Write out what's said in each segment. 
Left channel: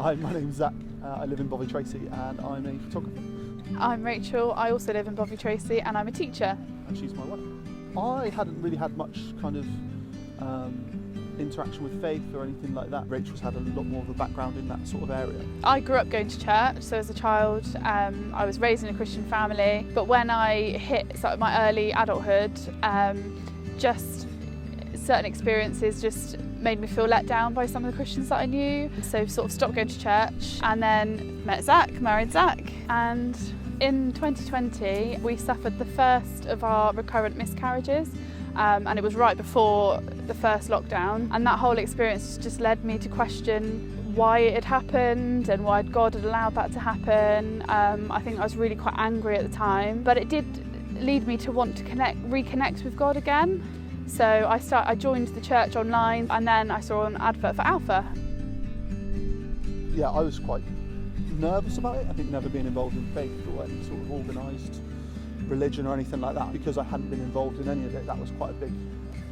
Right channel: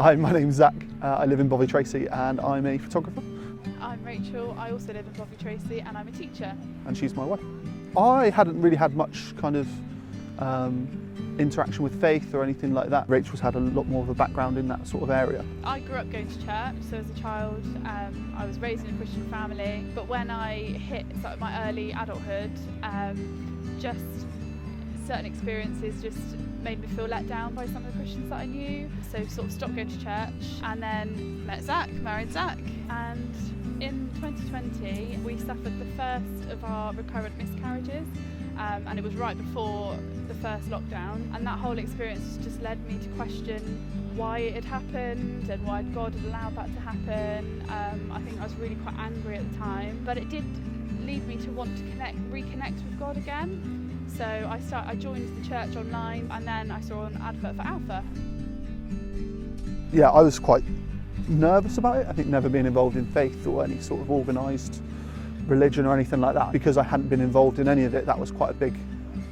Hi, my name's Zac. I live in Bovey Tracy and I'm a photographer. I'm Rachel. I also live in Bovey Tracy and I'm a teacher. And she's my wife. I hadn't really had much kind of interaction with faith or anything like that. Rachel's had a lot more of a background in that sort of area. I grew up going to church, so as a child I was raised in a Christian family, but when I hit sort of my early adulthood, just certain experiences just made me feel let down by some of the Christians that I knew. So sort of stopped going to church and then met Zac, married Zac. And in 2020 we suffered the first of our recurrent miscarriages, and it was right before the first lockdown, and that whole experience just led me to question why it had happened and why God had allowed that to happen. I think I was really quite angry at the time, but it did lead me to want to reconnect with God again. So I joined the church online, and then I saw an advert for Alpha. Yeah, I was quite nervous about it. I think never being involved in faith or any sort of organised religion or anything like that, because I hadn't been involved in any of it, that was quite a big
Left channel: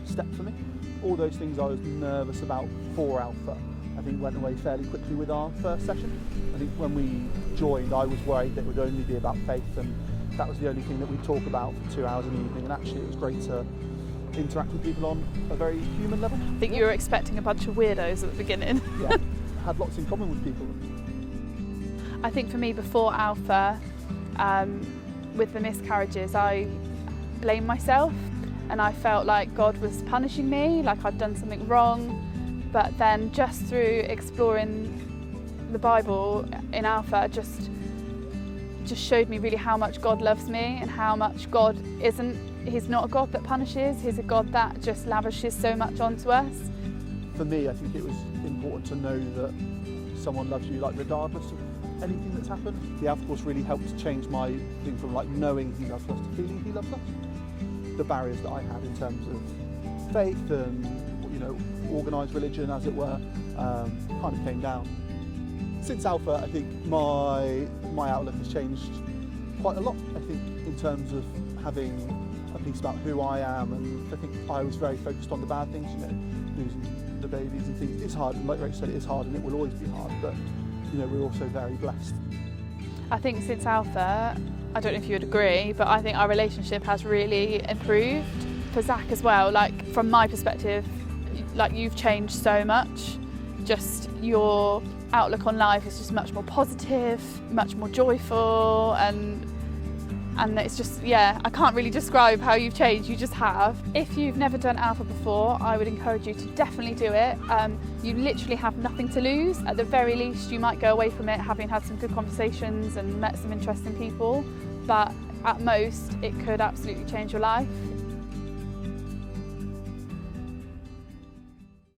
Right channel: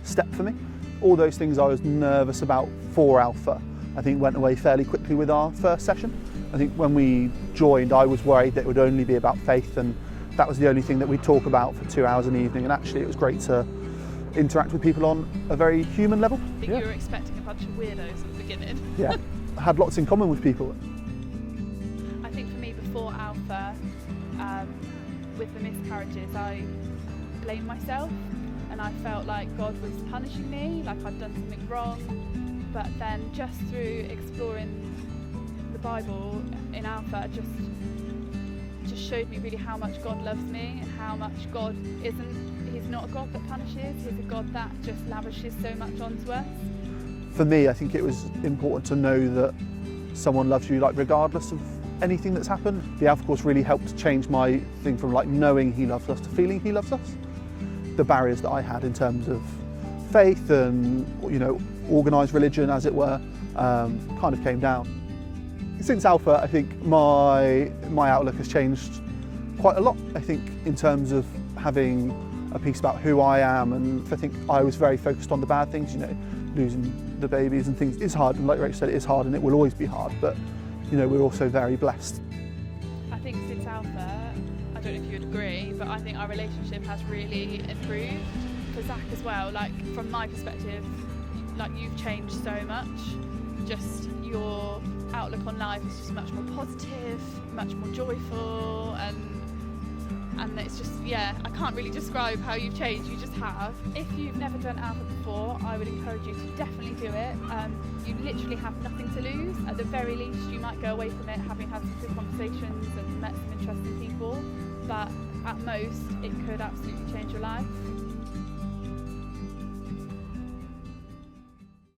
step for me. All those things I was nervous about for Alpha, I think went away fairly quickly with our first session. I think when we joined, I was worried that it would only be about faith, and that was the only thing that we'd talk about for 2 hours an evening, and actually it was great to interact with people on a very human level. I think you were expecting a bunch of weirdos at the beginning. Yeah, I had lots in common with people. I think for me before Alpha, with the miscarriages, I blamed myself and I felt like God was punishing me, like I'd done something wrong. But then just through exploring the Bible in Alpha, just showed me really how much God loves me and how much God He's not a God that punishes, He's a God that just lavishes so much onto us. For me, I think it was important to know that someone loves you, like regardless of anything that's happened. The Alpha Course really helped change my thing from like knowing He loves us to feeling He loves us. The barriers that I had in terms of faith and, you know, organised religion, as it were, kind of came down. Since Alpha, I think my outlook has changed quite a lot. I think in terms of having a piece about who I am, and I think I was very focused on the bad things, you know, losing the babies and things. It's hard, and like Rachel said, it is hard and it will always be hard, but you know, we're also very blessed. I think since Alpha, I don't know if you would agree, but I think our relationship has really improved. For Zac as well, like from my perspective, like you've changed so much. Just your outlook on life is just much more positive, much more joyful, and it's just, yeah, I can't really describe how you've changed, you just have. If you've never done Alpha before, I would encourage you to definitely do it. You literally have nothing to lose. At the very least, you might go away from it having had some good conversations and met some interesting people, but at most, it could absolutely change your life.